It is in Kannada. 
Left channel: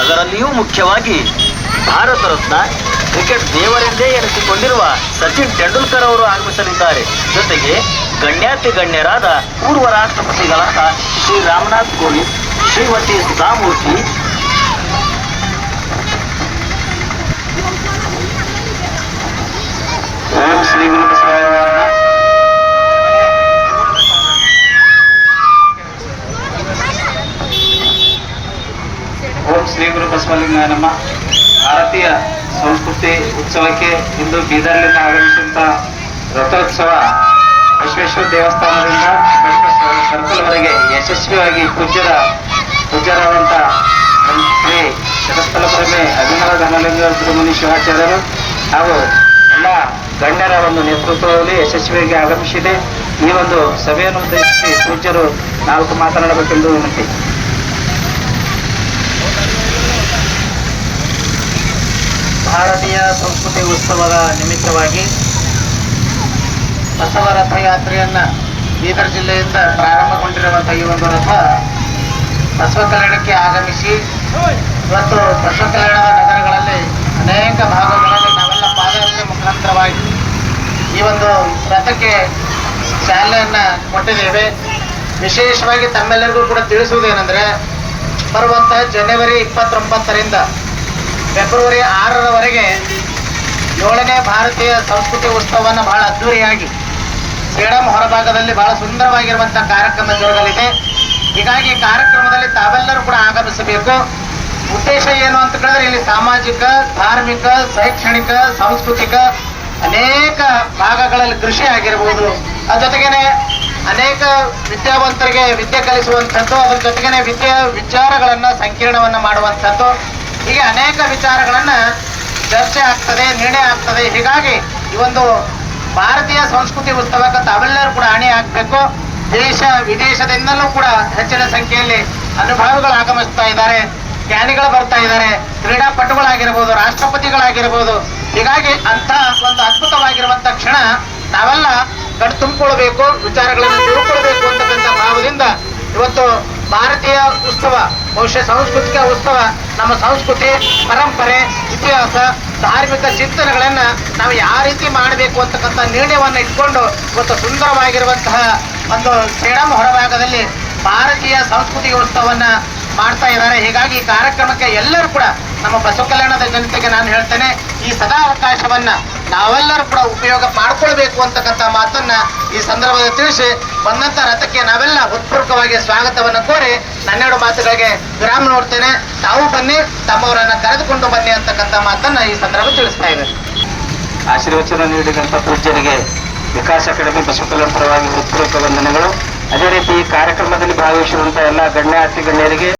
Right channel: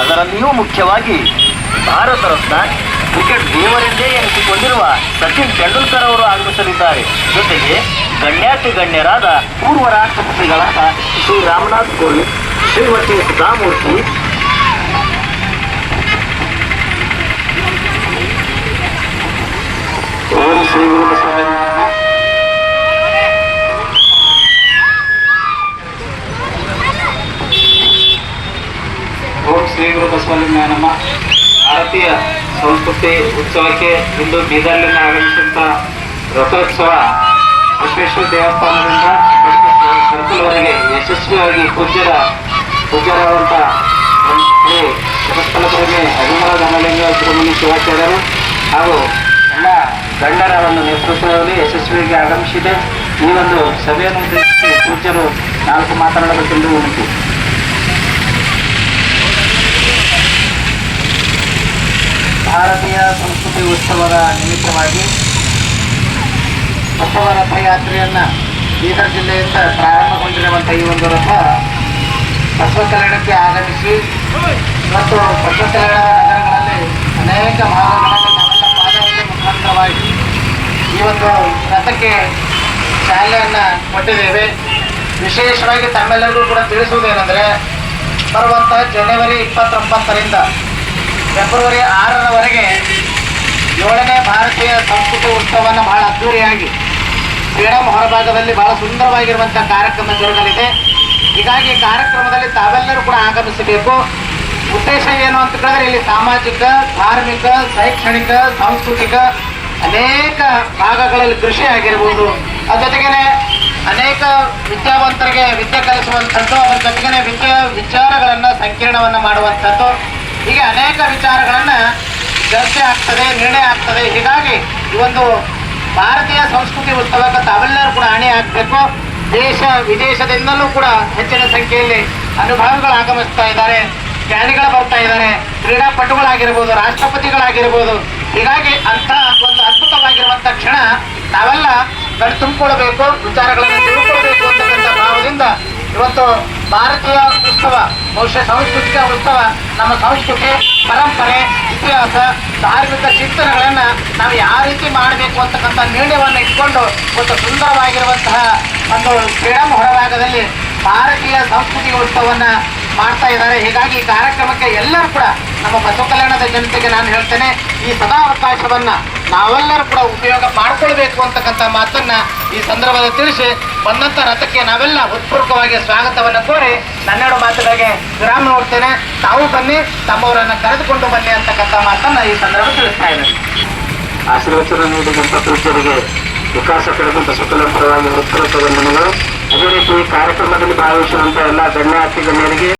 ಅದರಲ್ಲಿಯೂ ಮುಖ್ಯವಾಗಿ ಭಾರತ ರತ್ನ ಕ್ರಿಕೆಟ್ ದೇವರೆಂದೇ ಎನಿಸಿಕೊಂಡಿರುವ ಸಚಿನ್ ತೆಂಡೂಲ್ಕರ್ ಅವರು ಆಗಮಿಸಲಿದ್ದಾರೆ. ಜೊತೆಗೆ ಗಣ್ಯಾತಿ ಗಣ್ಯರಾದ ಪೂರ್ವ ರಾಷ್ಟ್ರಪತಿಗಳಾದ ಶ್ರೀ ರಾಮನಾಥ್ ಕೋವಿಂದ್, ಶ್ರೀಮತಿ ಸುಧಾಮೂರ್ತಿ ಓಂ ಶ್ರೀ ಶ್ರೀ ಗುರು ಬಸವಲಿಂಗ ನಮ್ಮ ಭಾರತೀಯ ಸಂಸ್ಕೃತಿ ಉತ್ಸವಕ್ಕೆ ಇಂದು ಬೀದರ್ಲಿಂದ ಆಗಮಿಸಿದಂಥ ರಥೋತ್ಸವ ವಿಶ್ವೇಶ್ವರ ದೇವಸ್ಥಾನದಿಂದ ಸರ್ಕಲ್ವರೆಗೆ ಯಶಸ್ವಿಯಾಗಿ ಪೂಜ್ಯರ ಪೂಜ್ಯರಾದಂಥ ಶ್ರೀ ಜಗತ್ಪಲ ಪ್ರೇಮಿ ಅಭಿಮಾನ ಧನಲಿಂಗ ಶ್ರೀಮನಿ ಶಿವಾಚಾರ್ಯರು ಹಾಗೂ ಎಲ್ಲ ಗಣ್ಯರ ಒಂದು ನೇತೃತ್ವದಲ್ಲಿ ಯಶಸ್ವಿಯಾಗಿ ಆಗಮಿಸಿದೆ. ಈ ಒಂದು ಸಭೆಯನ್ನು ಉದ್ದೇಶಿಸಿ ಪೂಜ್ಯರು ನಾಲ್ಕು ಮಾತನಾಡಬೇಕೆಂದು ವಿನಂತಿ. ಭಾರತೀಯ ಸಂಸ್ಕೃತಿ ಉತ್ಸವದ ನಿಮಿತ್ತವಾಗಿ ಬಸವ ರಥಯಾತ್ರೆಯನ್ನು ಬೀದರ್ ಜಿಲ್ಲೆಯಿಂದ ಪ್ರಾರಂಭಗೊಂಡಿರುವಂಥ ಈ ಒಂದು ರಥ ಬಸವ ಕಲ್ಯಾಣಕ್ಕೆ ಆಗಮಿಸಿ ಇವತ್ತು ಬಸವ ನಗರಗಳಲ್ಲಿ ಅನೇಕ ಭಾಗಗಳಲ್ಲಿ ನಾವೆಲ್ಲ ಪಾದಯಾತ್ರೆ ಮುಖಾಂತರವಾಗಿ ಈ ಒಂದು ರಥಕ್ಕೆ ಚಾಲನೆಯನ್ನು ಕೊಟ್ಟಿದ್ದೇವೆ. ವಿಶೇಷವಾಗಿ ತಮ್ಮೆಲ್ಲರಿಗೂ ಕೂಡ ತಿಳಿಸುವುದೇನೆಂದರೆ ಬರುವಂತಹ ಜನವರಿ ಇಪ್ಪತ್ತೊಂಬತ್ತರಿಂದ ಫೆಬ್ರವರಿ ಆರರವರೆಗೆ ಏಳನೇ ಭಾರತೀಯ ಸಂಸ್ಕೃತ ಉತ್ಸವವನ್ನು ಬಹಳ ಅದ್ದೂರಿಯಾಗಿ ಶ್ರೀರಾಮ ಹೊರಭಾಗದಲ್ಲಿ ಬಹಳ ಸುಂದರವಾಗಿರುವಂತಹ ಕಾರ್ಯಕ್ರಮ ಜರುಗಲಿದೆ. ಹೀಗಾಗಿ ಕಾರ್ಯಕ್ರಮದಲ್ಲಿ ತಾವೆಲ್ಲರೂ ಕೂಡ ಆಗಮಿಸಬೇಕು. ಉದ್ದೇಶ ಏನು ಅಂತ ಕೇಳಿದ್ರೆ ಇಲ್ಲಿ ಸಾಮಾಜಿಕ, ಧಾರ್ಮಿಕ, ಶೈಕ್ಷಣಿಕ, ಸಾಂಸ್ಕೃತಿಕ ಅನೇಕ ಭಾಗಗಳಲ್ಲಿ ಕೃಷಿ ಆಗಿರ್ಬೋದು. ಅದ್ರ ಜೊತೆಗೇನೆ ಅನೇಕ ವಿದ್ಯಾವಂತರಿಗೆ ವಿದ್ಯೆ ಕಲಿಸುವಂಥದ್ದು, ಅದ್ರ ಜೊತೆಗೇನೆ ವಿದ್ಯಾ ವಿಚಾರಗಳನ್ನು ಸಂಕೀರ್ಣವನ್ನ ಮಾಡುವಂಥದ್ದು. ಹೀಗೆ ಅನೇಕ ವಿಚಾರಗಳನ್ನ ಚರ್ಚೆ ಆಗ್ತದೆ, ನಿರ್ಣಯ ಆಗ್ತದೆ. ಹೀಗಾಗಿ ಈ ಒಂದು ಭಾರತೀಯ ಸಂಸ್ಕೃತಿ ಉತ್ಸವಕ್ಕೆ ತಾವೆಲ್ಲರೂ ಕೂಡ ಅಣಿ ಆಗಬೇಕು. ದೇಶ ವಿದೇಶದಿಂದಲೂ ಕೂಡ ಹೆಚ್ಚಿನ ಸಂಖ್ಯೆಯಲ್ಲಿ ಅನುಭವಿಗಳು ಆಗಮಿಸ್ತಾ ಇದ್ದಾರೆ. ಜ್ಞಾನಿಗಳು ಬರ್ತಾ ಇದ್ದಾರೆ. ಕ್ರೀಡಾಪಟುಗಳಾಗಿರ್ಬೋದು, ರಾಷ್ಟ್ರಪತಿಗಳಾಗಿರ್ಬೋದು. ಹೀಗಾಗಿ ಅಂತ ಒಂದು ಅದ್ಭುತವಾಗಿರುವಂತ ಕ್ಷಣ ನಾವೆಲ್ಲ ಕಣ್ ತುಂಬಿಕೊಳ್ಬೇಕು ವಿಚಾರಗಳನ್ನು ತಿಳ್ಕೊಳ್ಬೇಕು ಅಂತಕ್ಕಂಥ ಭಾವದಿಂದ ಇವತ್ತು ಭಾರತೀಯ ಉತ್ಸವ, ಬಹುಶಃ ಸಾಂಸ್ಕೃತಿಕ ಉತ್ಸವ, ನಮ್ಮ ಸಂಸ್ಕೃತಿ, ಪರಂಪರೆ, ಇತಿಹಾಸ, ಧಾರ್ಮಿಕ ಚಿಂತನೆಗಳನ್ನು ನಾವು ಯಾವ ರೀತಿ ಮಾಡಬೇಕು ಅಂತಕ್ಕಂಥ ನಿರ್ಣಯವನ್ನು ಇಟ್ಕೊಂಡು ಒಂದು ಸುಂದರವಾಗಿರುವಂತಹ ಒಂದು ಕ್ರೀಡಾ ಹೊರಭಾಗದಲ್ಲಿ ಭಾರತೀಯ ಸಂಸ್ಕೃತಿ ಉತ್ಸವವನ್ನ ಮಾಡ್ತಾ ಇದ್ದಾರೆ. ಹೀಗಾಗಿ ಈ ಕಾರ್ಯಕ್ರಮಕ್ಕೆ ಎಲ್ಲರೂ ಕೂಡ ನಮ್ಮ ಬಸವ ಕಲ್ಯಾಣದ ಜನತೆಗೆ ನಾನು ಹೇಳ್ತೇನೆ, ಈ ಸದಾ ಅವಕಾಶವನ್ನ ನಾವೆಲ್ಲರೂ ಕೂಡ ಉಪಯೋಗ ಮಾಡ್ಕೊಳ್ಬೇಕು ಅಂತಕ್ಕಂಥ ಮಾತನ್ನ ಈ ಸಂದರ್ಭದಲ್ಲಿ ತಿಳಿಸಿ, ಬಂದಂತ ರಥಕ್ಕೆ ನಾವೆಲ್ಲ ಹೃತ್ಪೂರ್ವಕವಾಗಿ ಸ್ವಾಗತವನ್ನು ಕೋರಿ ನನ್ನೆರಡು ಮಾತುಗಳಿಗೆ ವಿರಾಮ ನೋಡ್ತೇನೆ. ತಾವು ಬನ್ನಿ, ತಮ್ಮವರನ್ನ ಕರೆದುಕೊಂಡು ಬನ್ನಿ ಅಂತಕ್ಕಂಥ ಮಾತನ್ನ ಈ ಸಂದರ್ಭ ತಿಳಿಸ್ತಾ ಇದ್ದೇನೆ. ಆಶೀರ್ವಚನ ನೀಡಿದಂಥ ಪೂಜ್ಯರಿಗೆ ವಿಕಾಸ ಕಡೆಗೆ ಬಸವಕಲ್ಯಾಣ ಪರವಾಗಿ ಹೃತ್ಪೂರ್ವಕ ಅದೇ ರೀತಿ ಈ ಕಾರ್ಯಕ್ರಮದಲ್ಲಿ ಭಾಗವಹಿಸುವಂತಹ ಎಲ್ಲ ಗಣ್ಯ ಗಣ್ಯರಿಗೆ